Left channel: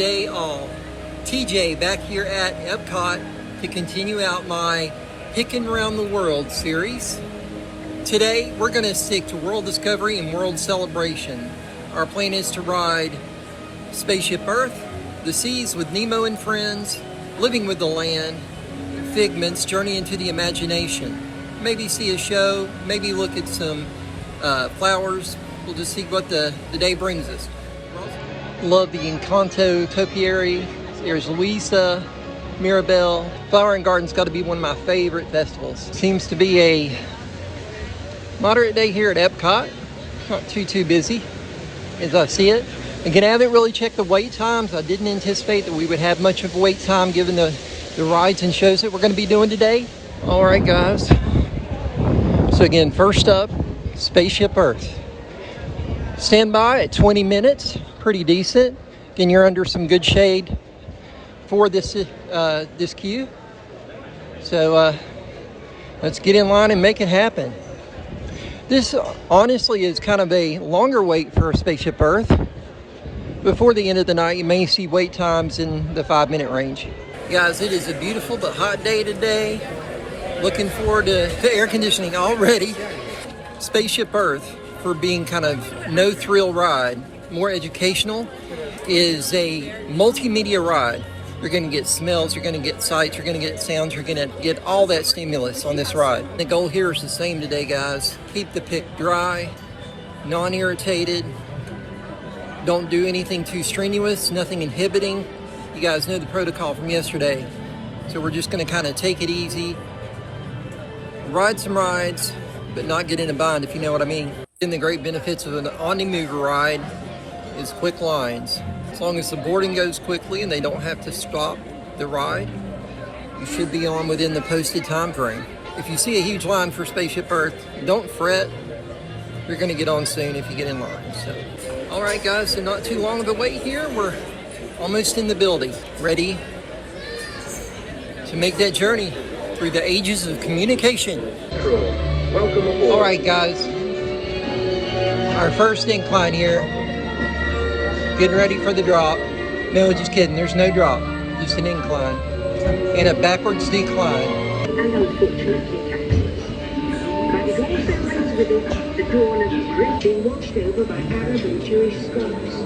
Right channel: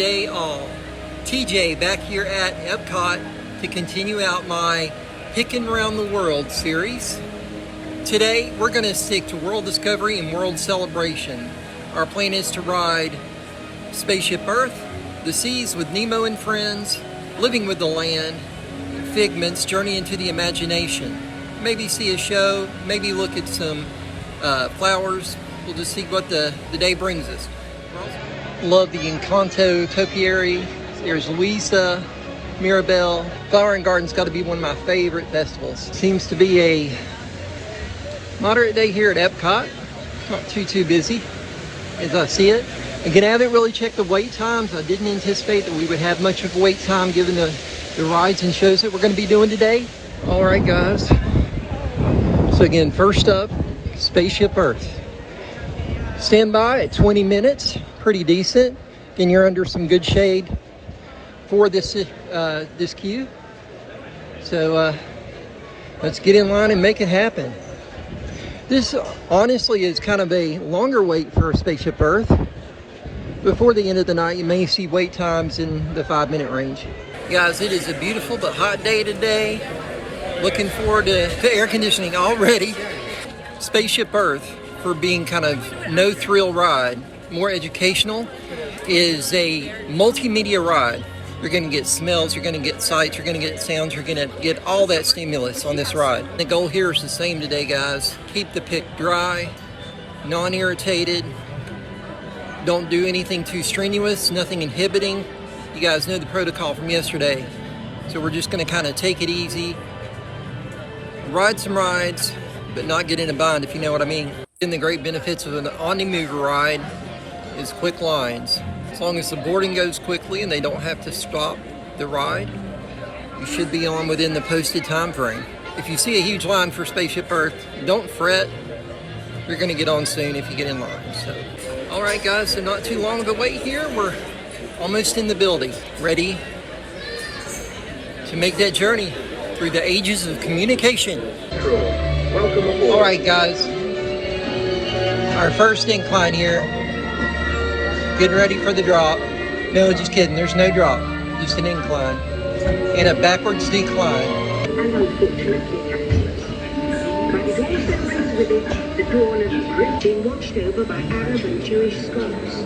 day all. TJ back here at EPCOT to continue out my Picc'n Around the World series. Today we're going to stick to World Discovery and World Celebration. Our plan is to ride Spaceship Earth, the seas with Nemo and friends, Living with the Land, Figment's Journey into the Imagination. Maybe see a show, maybe look at some flowers. We'll just see what the day brings us. Love the Encanto topiary. There's Luisa, Mirabelle. Flower and Garden's got to be one of my favorite festivals. Seems to be a moderate day here at EPCOT. Not too busy as I see it. Again, I haven't really checked the wait times. I didn't anticipate that we would have much of a wait time given the rides and shows that we're going to be doing today. All right, guys. So again, first up, Spaceship Earth. Stand by at 20 minutes. Pretty decent. Again, you're under some good shade for this queue. So let's get in line and make it happen. This honestly is kind of a longer wait for Spaceship Earth. Before the end of the night, you may see wait times in the 5-minute range. Guys, it is a beautiful but hot day today. Looking forward to air conditioning already. Spaceship Earth, for being kind of no thrill ride, more educational, is a multimedia ride. You're going to get smells, you're going to get sights, you're going to get sounds, you're going to get all that stimulus on this ride. The goal here is the same today, guys. Keep the PICC dry, non-irritated. Don't do anything too strenuous, nothing inhibiting. You guys know the protocol from yesterday. So we're just going to kind of take it easy, ride some rides, but not get in a bind, if you know what I mean. And the great benefits of an on-the-move ride is quick lines. As long as the boarding goes quickly and they don't have to stop the ride, you should be on within the posted time frame. If you see a huge line for Spaceship Earth, don't fret. You're going to get on soon if you get in line. So, all right, guys, so not too long of a wait here. We're almost in the building, ready to make that journey through the ages of communication. All right, guys, our first incline here. Getting ready for the drop. No, just kidding. There's no drop. Just an incline and a backwards decline. And unfortunately, but it also brings with it the dawn of Great being watched over by Arab and Jewish scholars.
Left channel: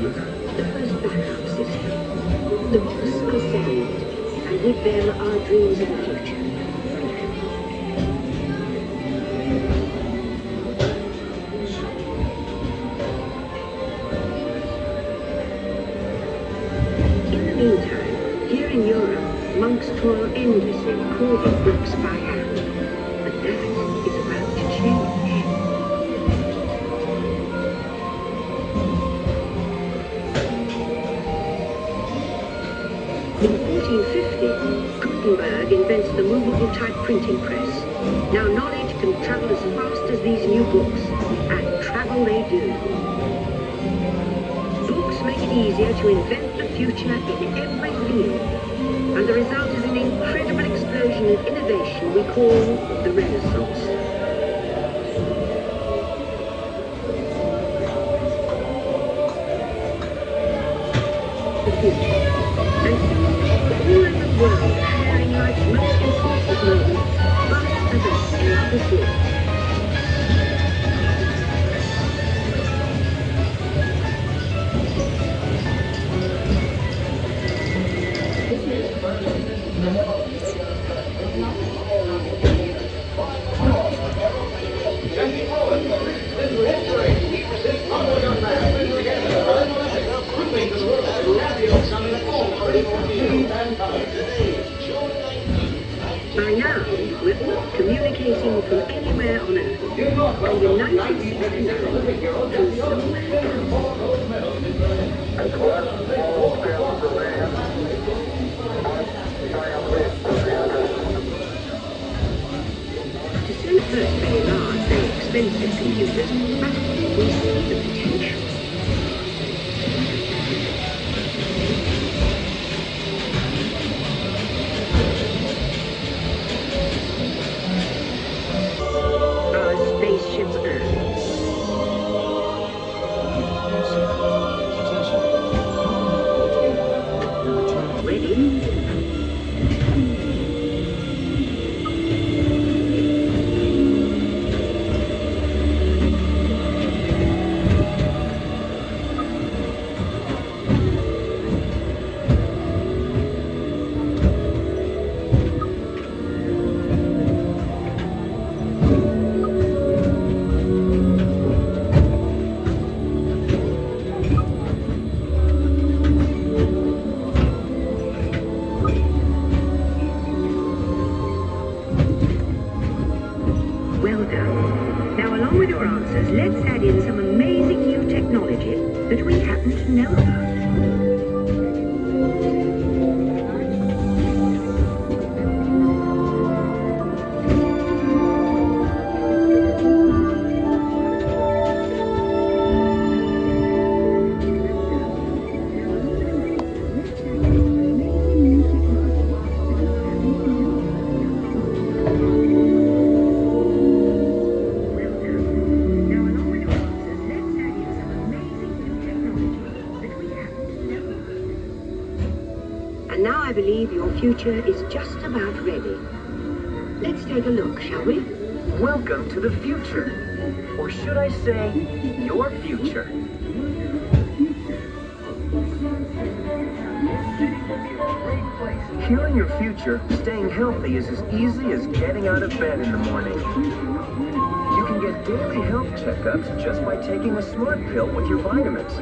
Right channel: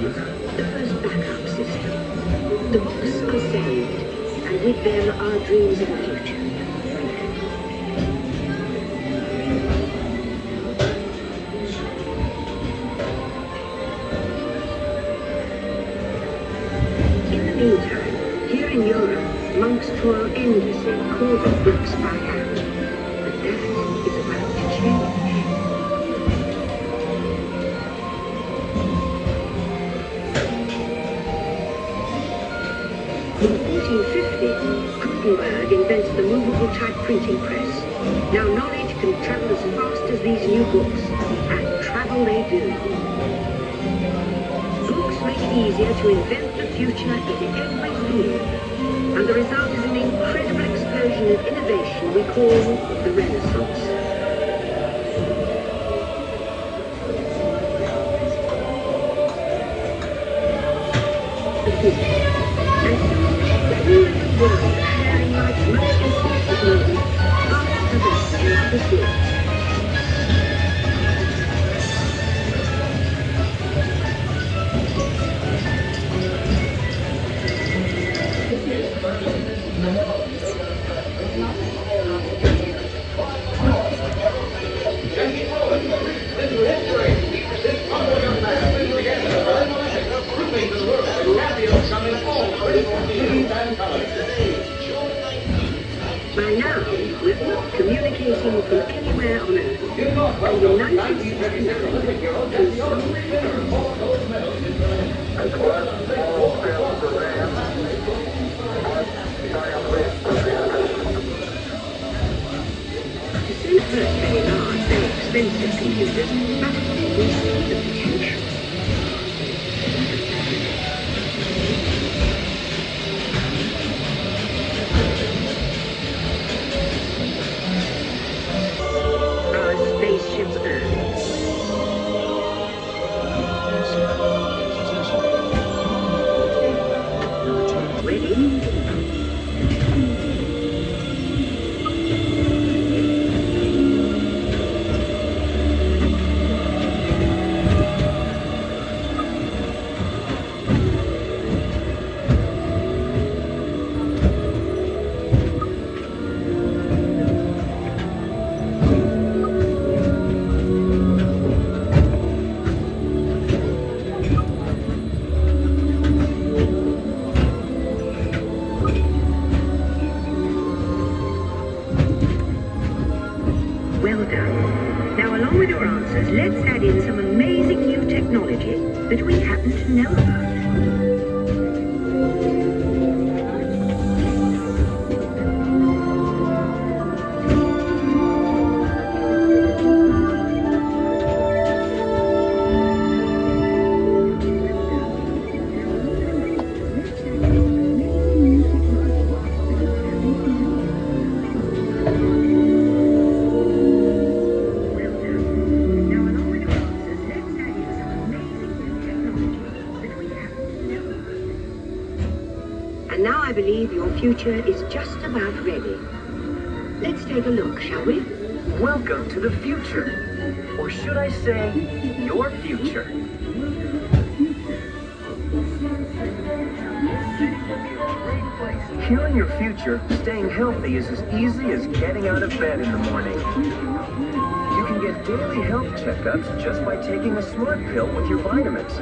The first backup system. The books are saved, and with them our dreams of the future. Here in Europe, monks toil endlessly carving books by hand. But that is about to change. In 1450, Gutenberg invented the movable type printing press. Now knowledge can travel as fast as these new books, and travel they do. Books make it easier to invent the future in every field, and the result is an incredible explosion of innovation we call the Renaissance. And soon, the whole of the world sharing life's most important moments after the sea of the sea. By now, we're all communicating from anywhere on Earth. From the 90s to send very large, very expensive computers, but we see the potential. with your answers, let's add in some amazing new technology that we happen to know about. Now I believe your future is just about ready. Let's take a look, shall we? Welcome to the future. Or should I say, your future. Here in your future, staying healthy is as easy as getting out of bed in the morning. You can get daily health checkups just by taking a smart pill with your vitamins.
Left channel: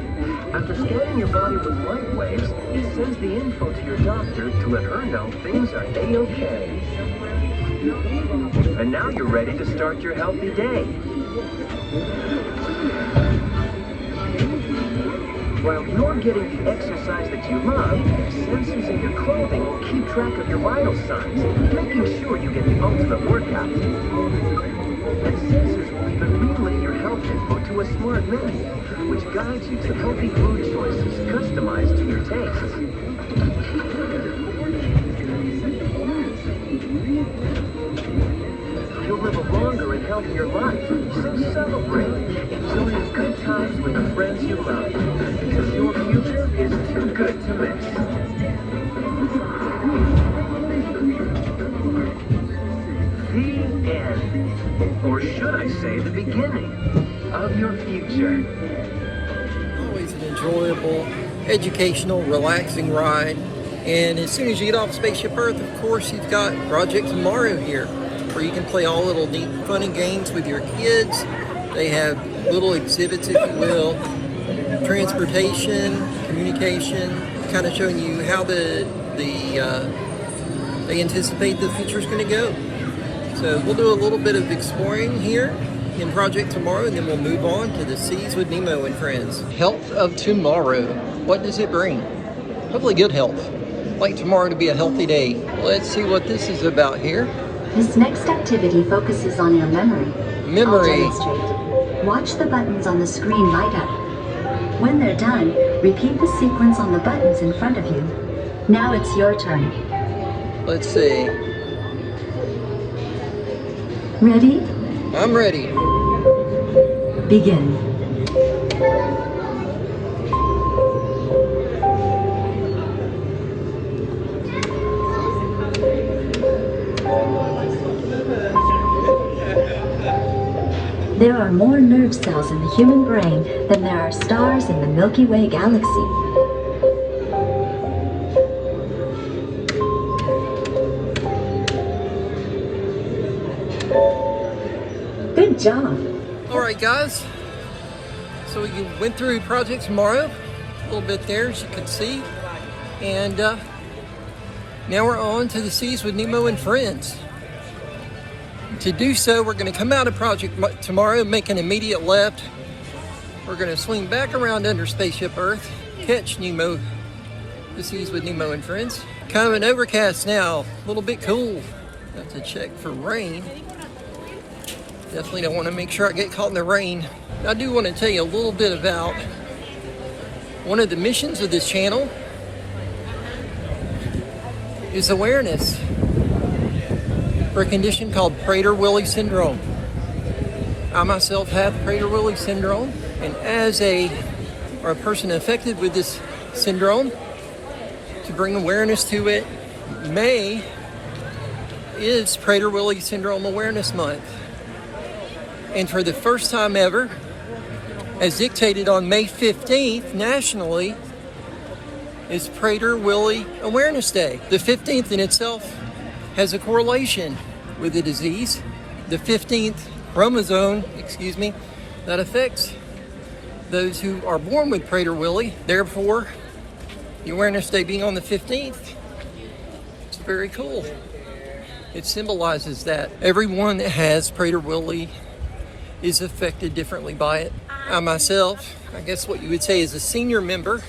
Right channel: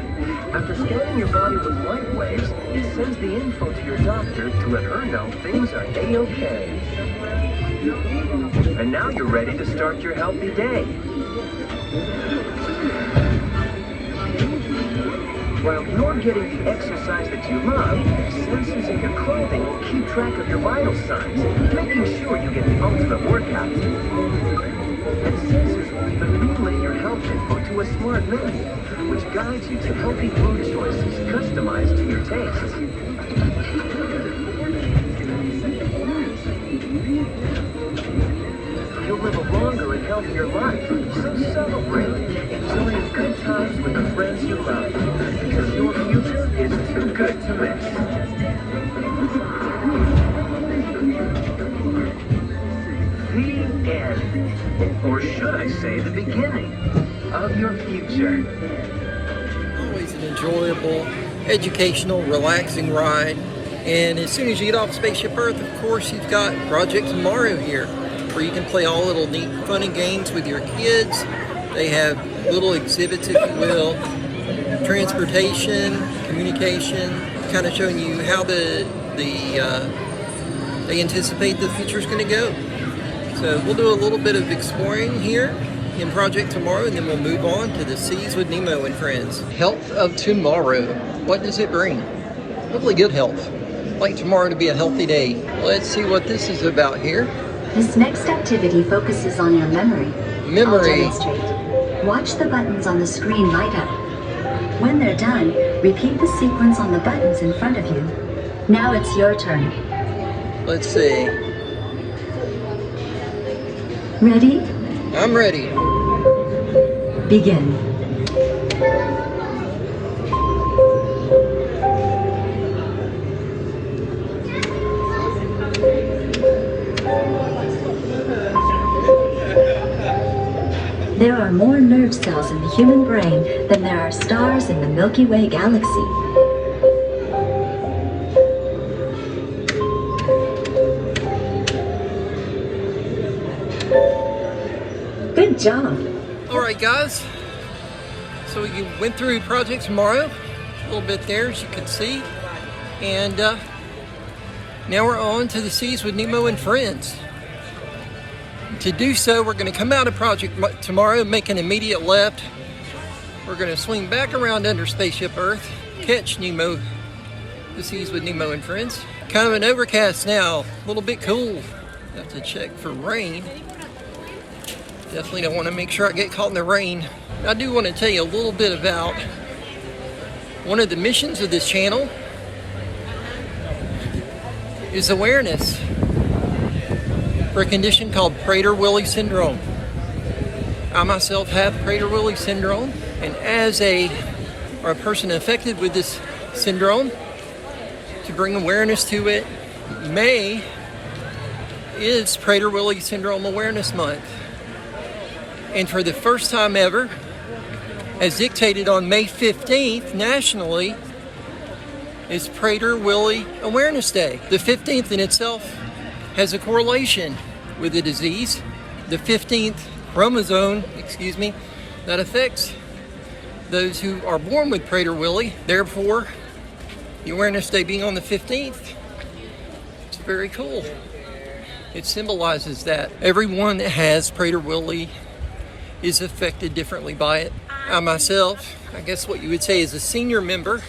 After scanning your body with light waves, it sends the info to your doctor to let her know things are A-OK. And now you're ready to start your healthy day. While you're getting the exercise that you love, sensors in your clothing will keep track of your vital signs, making sure you get the ultimate workout. And sensors will even relay your health info to a smart menu, which guides you to healthy food choices customized to your tastes. You'll live a longer and healthier life, so celebrate, enjoying good times with the friends you love, because your future is too good to miss. The end, or should I say the beginning, of your future. Always an enjoyable, educational, relaxing ride. And as soon as you get off Spaceship Earth, of course, you've got Project Tomorrow here, where you can play all little neat, funny games with your kids. They have little exhibits, if you will, transportation, communication, kind of showing you how they anticipate the future is going to go. So we'll do a little bit of exploring here in Project Tomorrow, and then we'll move on to the Seas with Nemo and Friends. Health of tomorrow. What does it bring? Hopefully good health. I'd like tomorrow to be a healthy day. Let's see what this is about here. This next activity focuses on your memory. I'll demonstrate. Watch the buttons on the screen light up. When they're done, repeat the sequence on the buttons in front of you. Now it's your turn. Let's see. Ready? I'm ready. Begin. There are more nerve cells in the human brain than there are stars in the Milky Way galaxy. Good job. All right, guys. So we went through Project Tomorrow, a little bit there, as you can see. And now we're on to the Seas with Nemo and Friends. To do so, we're going to come out of Project Tomorrow, make an immediate left. We're going to swing back around under Spaceship Earth, catch Nemo, the Seas with Nemo and Friends. Kind of an overcast now, a little bit cool. Have to check for rain. Definitely don't want to make sure I get caught in the rain. I do want to tell you a little bit about one of the missions of this channel is awareness for a condition called Prader-Willi syndrome. I myself have Prader-Willi syndrome, and as a person affected with this syndrome, to bring awareness to it, May is Prader-Willi Syndrome Awareness Month. And for the first time ever, as dictated on May 15th nationally, is Prader-Willi Awareness Day. The 15th in itself has a correlation with the disease. The 15th chromosome, that affects those who are born with Prader-Willi. Therefore, the Awareness Day being on the 15th, it's very cool. It symbolizes that everyone that has Prader-Willi is affected differently by it. I myself, I guess what you would say is a senior member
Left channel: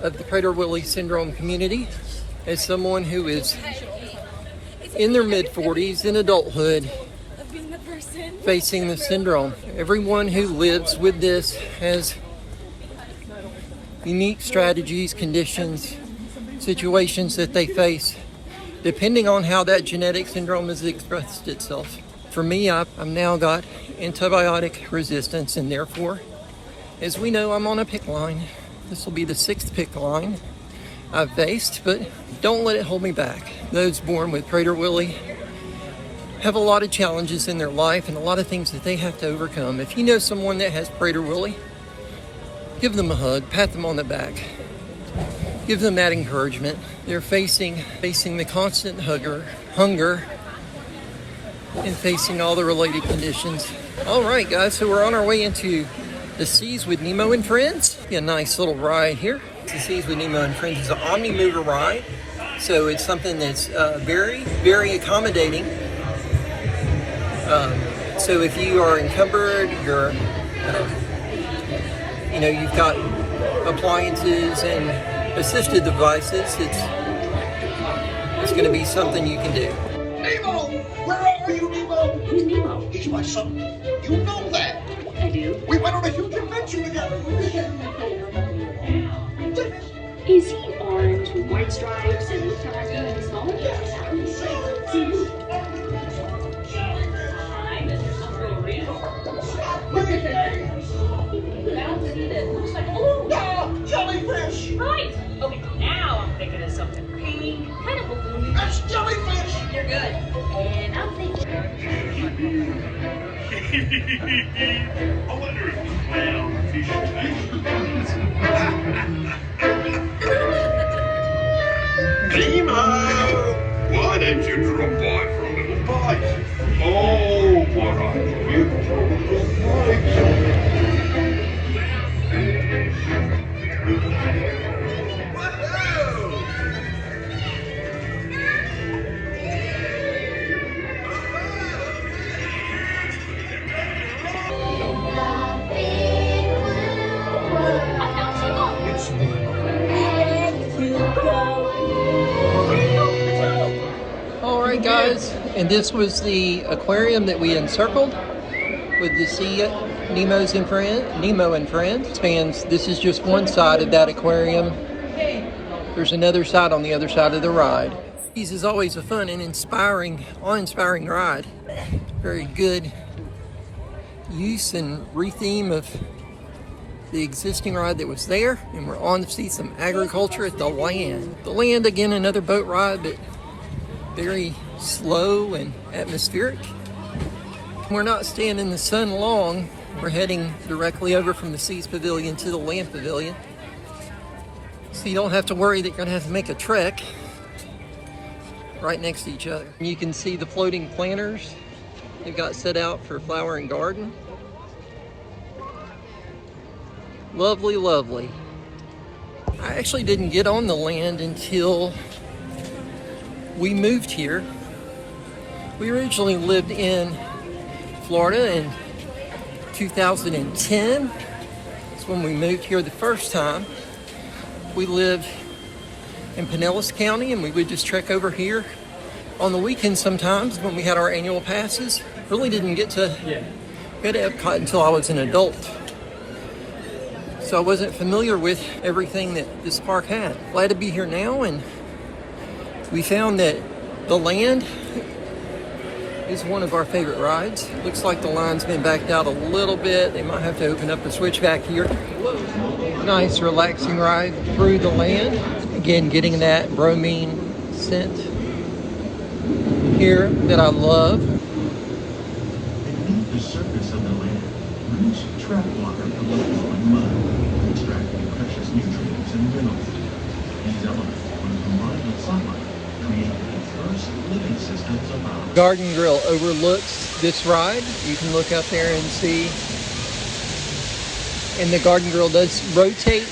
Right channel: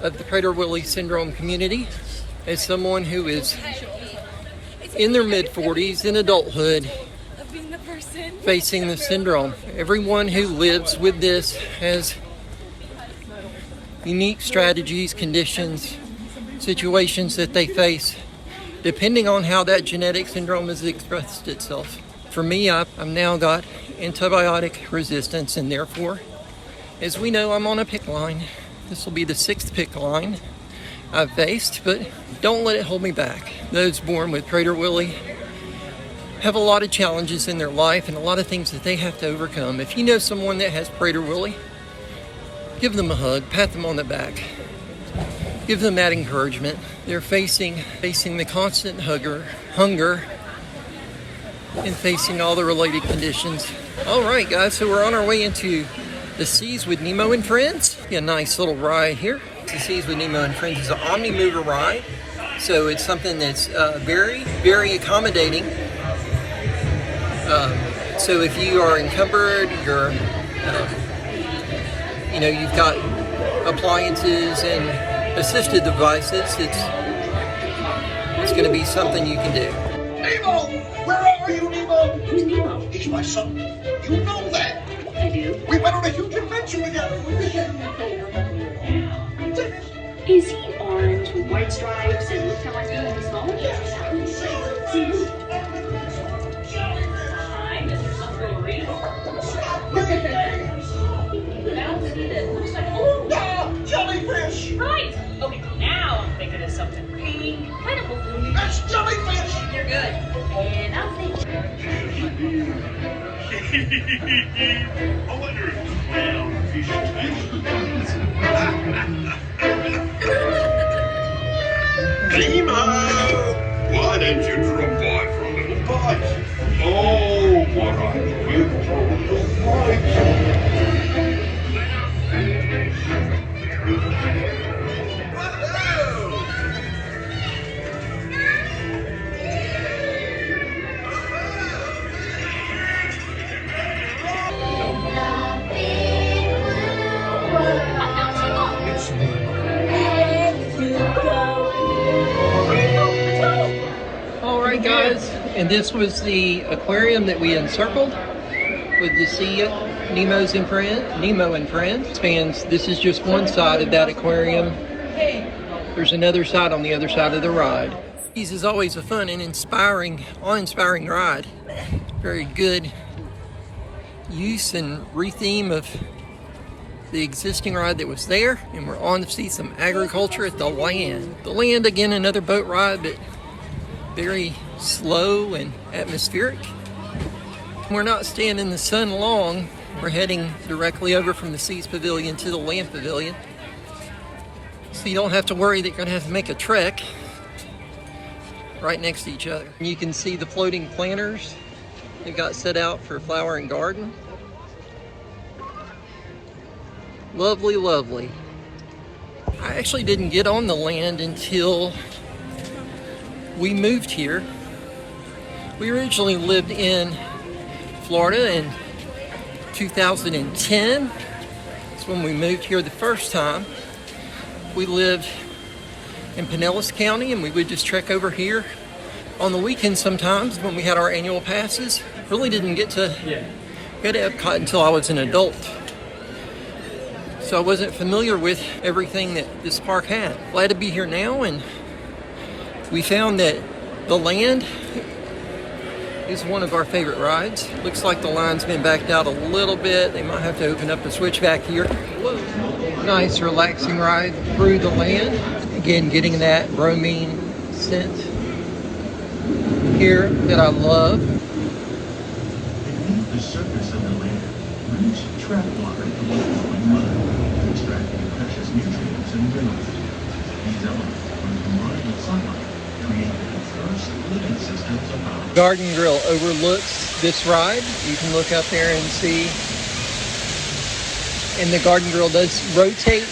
of the Prader-Willi syndrome community. As someone who is in their mid-40s, in adulthood, facing the syndrome. Everyone who lives with this has unique strategies, conditions, situations that they face, depending on how that genetic syndrome has expressed itself. For me, I've now got antibiotic resistance, and therefore, as we know, I'm on a PICC line. This will be the 6th PICC line I've faced, but don't let it hold me back. Those born with Prader-Willi have a lot of challenges in their life and a lot of things that they have to overcome. If you know someone that has Prader-Willi, give them a hug, pat them on the back, give them that encouragement. They're facing the constant hunger, and facing all the related conditions. All right, guys, so we're on our way into the Seas with Nemo and Friends. A nice little ride here. The Seas with Nemo and Friends is an omni-mover ride, so it's something that's very, very accommodating. So if you are encumbered, you've got appliances and assisted devices, it's going to be something you can do. Nemo! Where are you, Nemo? Who's Nemo? He's my son. You know that. I do. We went on a huge adventure together. Is he orange with white stripes and colors in his phone? Jellyfish! Right. Okay, now I'm thinking of something pink, kind of blue. That's jellyfish! You're good. And I'm thinking. I wonder if the brown fish Nemo! Why don't you drop by for a little bite? Oh, what I live for a little bite! All right, guys, and this was the aquarium that we encircled with the Sea Nemo and Friends. Spans. This is just one side of that aquarium. There's another side on the other side of the ride. This is always a fun and awe-inspiring ride. Very good use and re-theme of the existing ride that was there, and we're on to see some agriculture at the land. The land, again, another boat ride, but very slow and atmospheric. We're not staying in the sun long. We're heading directly over from the Seas Pavilion to the Land Pavilion. So you don't have to worry that you're gonna have to make a trek right next to each other. You can see the floating planters they've got set out for flower and garden. Lovely, lovely. I actually didn't get on the land until we moved here. We originally lived in Florida in 2010. That's when we moved here the first time. We lived in Pinellas County, and we would just trek over here on the weekends sometimes when we had our annual passes. Really didn't get to go to EPCOT until I was an adult. So I wasn't familiar with everything that this park had. Glad to be here now, and we found that the land is one of our favorite rides. Looks like the line's been backed out a little bit. They might have to open up the switch back here. Nice relaxing ride through the land. Again, getting that bromine scent here that I love. The surface of the land moves trap water away from the mud, extracting precious nutrients and minerals. These elements, when combined with sunlight, create the first living systems around. Garden Grill overlooks this ride. You can look out there and see. And the Garden Grill does rotate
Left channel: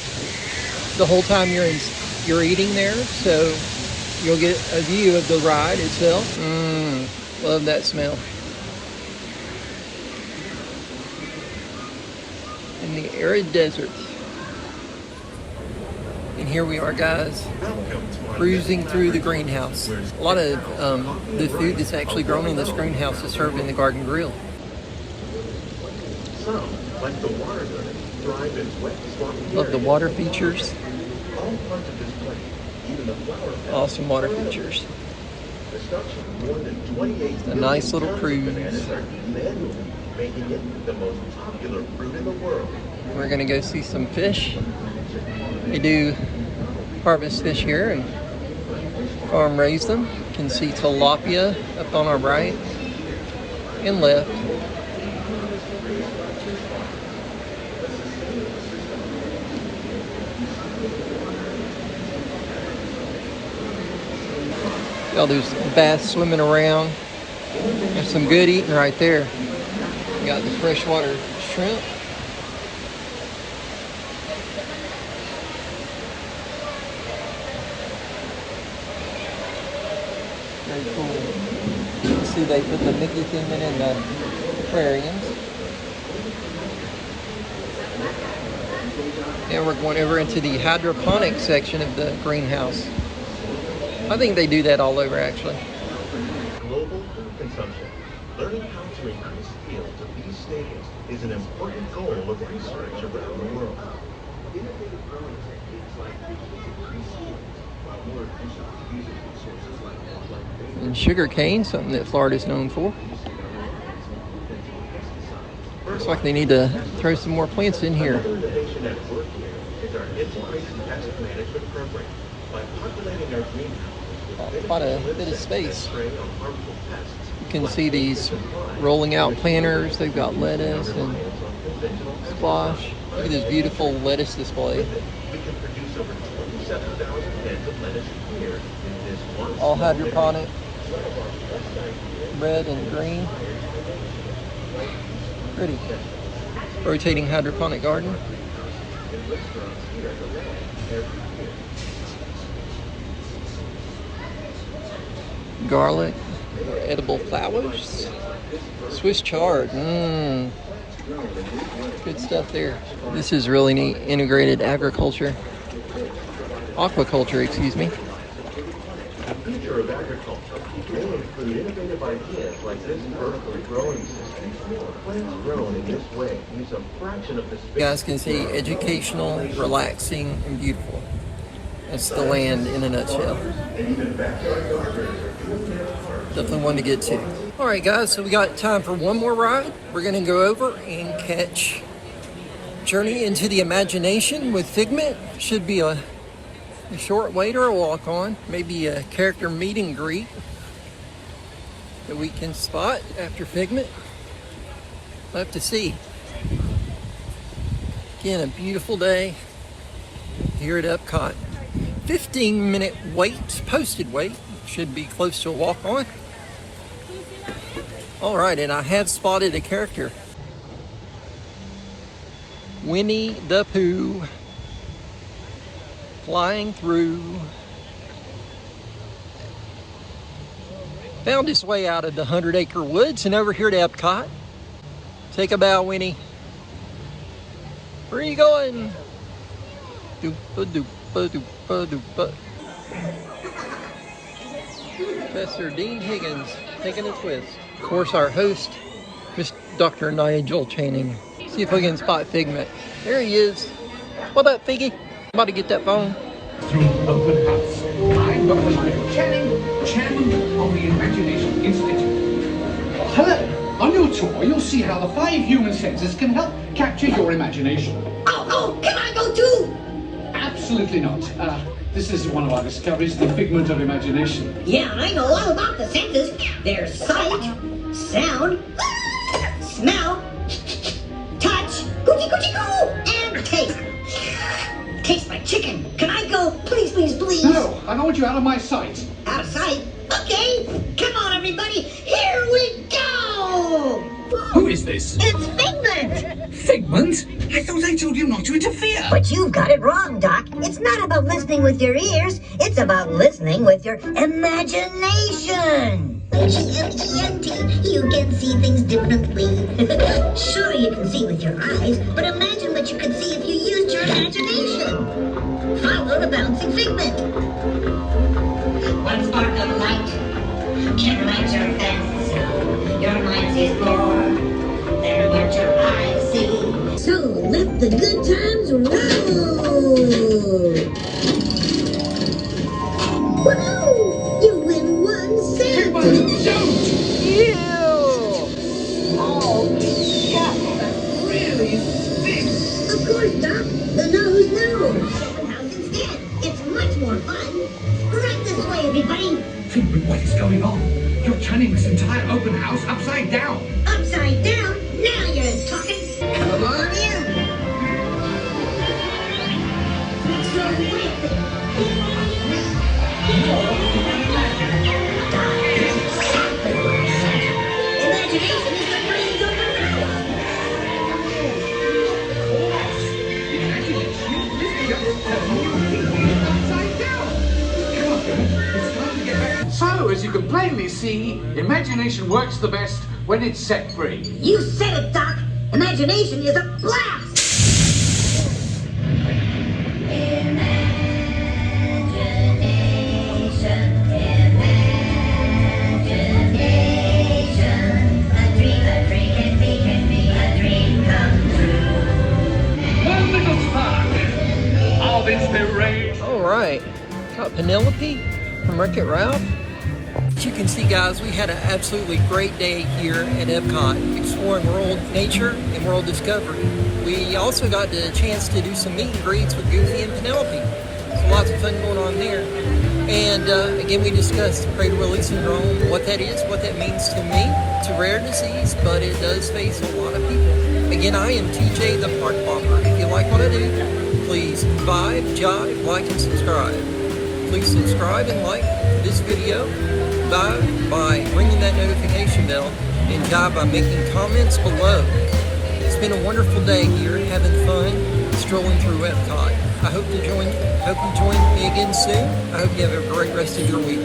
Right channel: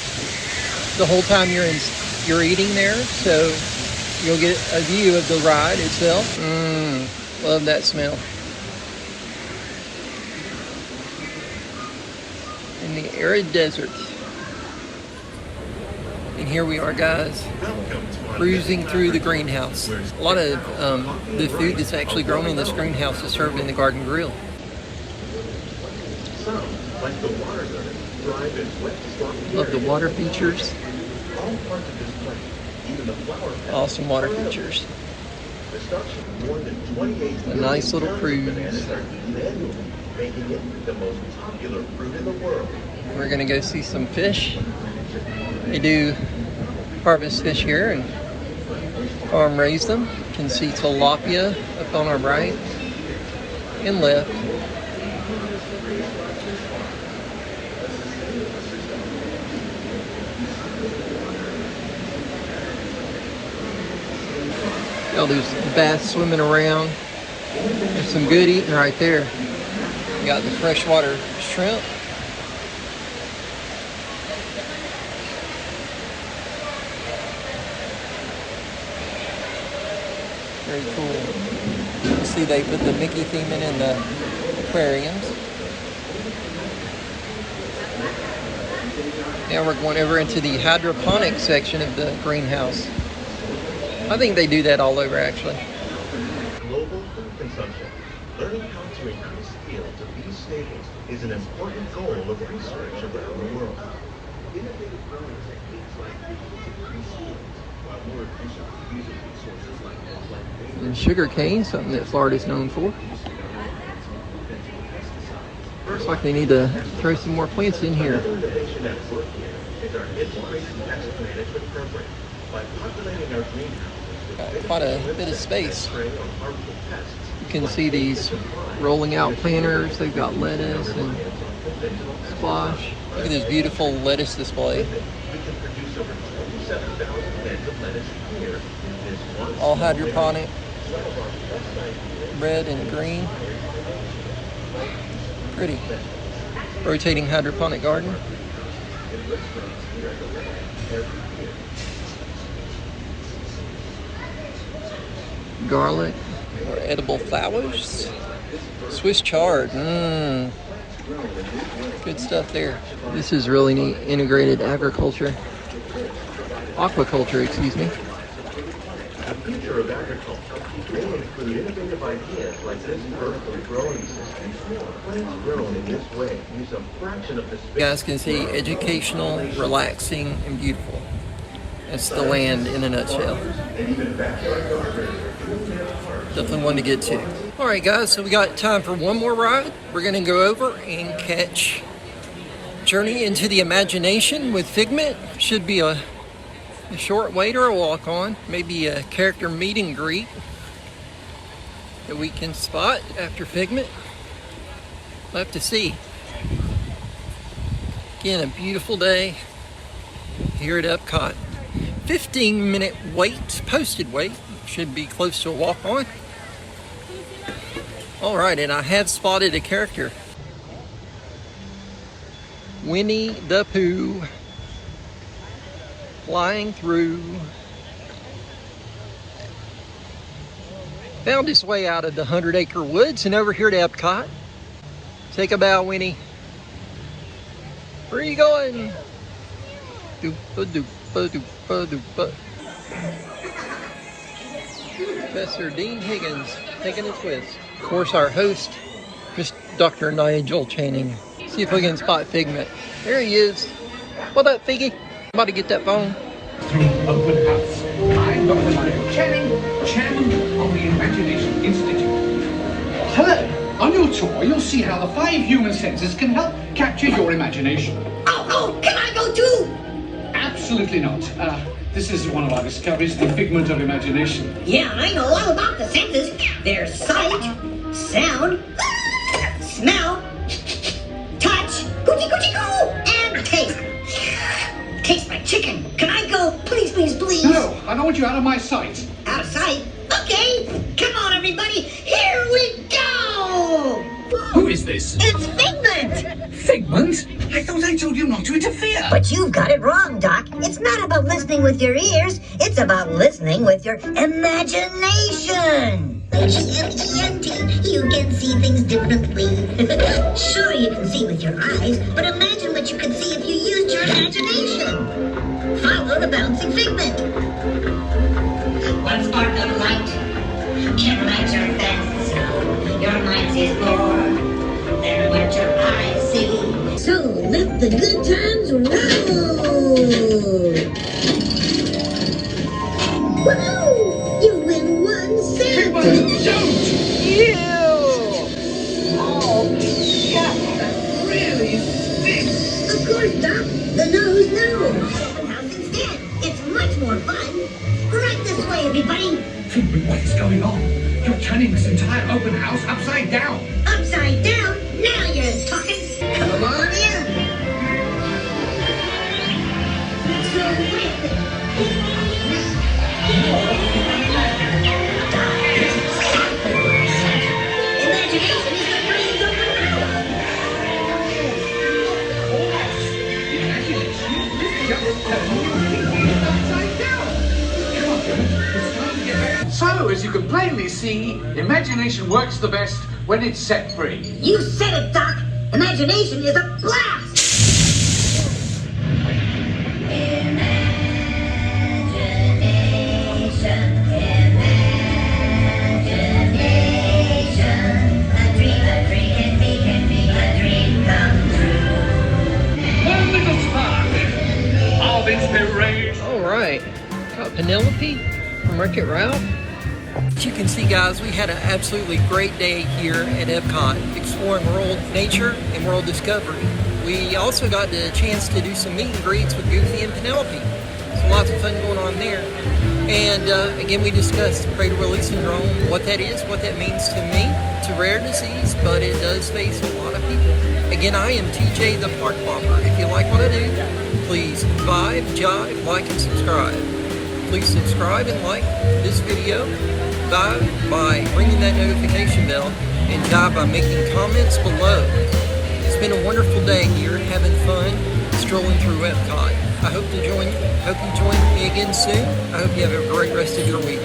the whole time you're eating there, so you'll get a view of the ride itself. Love that smell. in the arid desert. And here we are, guys, cruising through the greenhouse. A lot of the food that's actually grown in this greenhouse is served in the garden grill. Love the water features. Awesome water features. A nice little cruise. We're gonna go see some fish. They do harvest fish here and farm raise them. You can see tilapia up on our right and left. All those bass swimming around. There's some good eating right there. You got the freshwater shrimp. You can see they put the Mickey theme in the aquariums. Now we're going over into the hydroponic section of the greenhouse. I think they do that all over, actually. Global food consumption. Learning how to increase yields of these staples is an important goal of research around the world. Innovative growing techniques like these increase yields while more efficiently using resources like And sugar cane, something that Florida's known for. Looks like they need to throw some more plants in here. Innovation at work here is our integration pest management program. By populating our greenhouse, Quite a bit of space. You can see these rolling out planters. They've got lettuce and squash. Look at this beautiful lettuce display. All hydroponic, red and green. Pretty. Rotating hydroponic garden. Garlic, or edible flowers, Swiss chard, good stuff there. This is really neat, integrated agriculture, aquaculture, excuse me. The future of agriculture may include innovative ideas like this vertical growing system. Plants grown in this way use a fraction of the space. You guys can see educational, relaxing, and beautiful. That's the land in a nutshell. Definitely one to get to. All right, guys, so we got time for one more ride. We're gonna go over and catch Journey into the Imagination with Figment. Should be a short wait or a walk on, maybe a character meet and greet that we can spot after Figment. We'll have to see. Again, a beautiful day here at EPCOT. 15-minute wait, posted wait, should be close to a walk on. All right, and I have spotted a character. Winnie the Pooh, flying through. Found his way out of the 100-acre woods and over here to EPCOT. Take a bow, Winnie. Where are you going? Professor Dean Higgins taking a twist. Of course, our host, Dr. Nigel Channing. See if we can spot Figment. There he is. What up, Figgy? I'm about to get that phone. Through open house. I'm Dr. Nigel Channing, chairman of the Imagination Institute. Hello. On your tour, you'll see how the 5 human senses can help capture your imagination. Oh, can I go too? Absolutely not. This is one of our discoveries, the figment of imagination. Yeah, I know all about the senses. There's sight, sound, smell, touch, and taste. Tastes like chicken. Can I go? Please, please, please. No, I don't want you out of my sight. Out of sight? Okay. Come on, everybody. Here we go. Who is this? It's Figment. Figment? I thought I told you not to interfere. But you've got it wrong, Doc. It's not about listening with your ears. It's about listening with your imagination. G-M-E-N-T, you can see things differently. Sure, you can see with your eyes, but imagine what what you could see if you used your imagination. Follow the bouncing figment. One spark of light can light your fancy so your mind sees more than what your eyes see. So let the good times roll. Woohoo! You win one cent. Ew! Oh, yeah, that really stinks. Of course, Doc. The nose knows. Open house instead. It's much more fun. Right this way, everybody. Figment, what is going on? You're turning this entire open house upside down. Upside down? Now you're talking. Come on in. So imagination is the brains of the So, as you can plainly see, imagination works the best when it's set free. You said it, Doc. Imagination is a blast. One little spark of inspiration. All right, got Penelope from Wreck-It Ralph. As you can see, guys, we had an absolutely great day here at EPCOT, exploring world nature and world discovery. We also got the chance to do some meet and greets with Goofy and Penelope. So lots of fun going on there. And again, we discussed Prader Willi syndrome, what that is, what that means to me. It's a rare disease, but it does face a lot of people. Again, I am TJ the Park Popper. If you like what I do, please vibe, jive, like, and subscribe. Please subscribe and like this video. Vibe by ringing that notification bell, and jive by making comments below. It's been a wonderful day here, having fun, strolling through EPCOT. I hope you join me again soon. I hope you have a great rest of your week.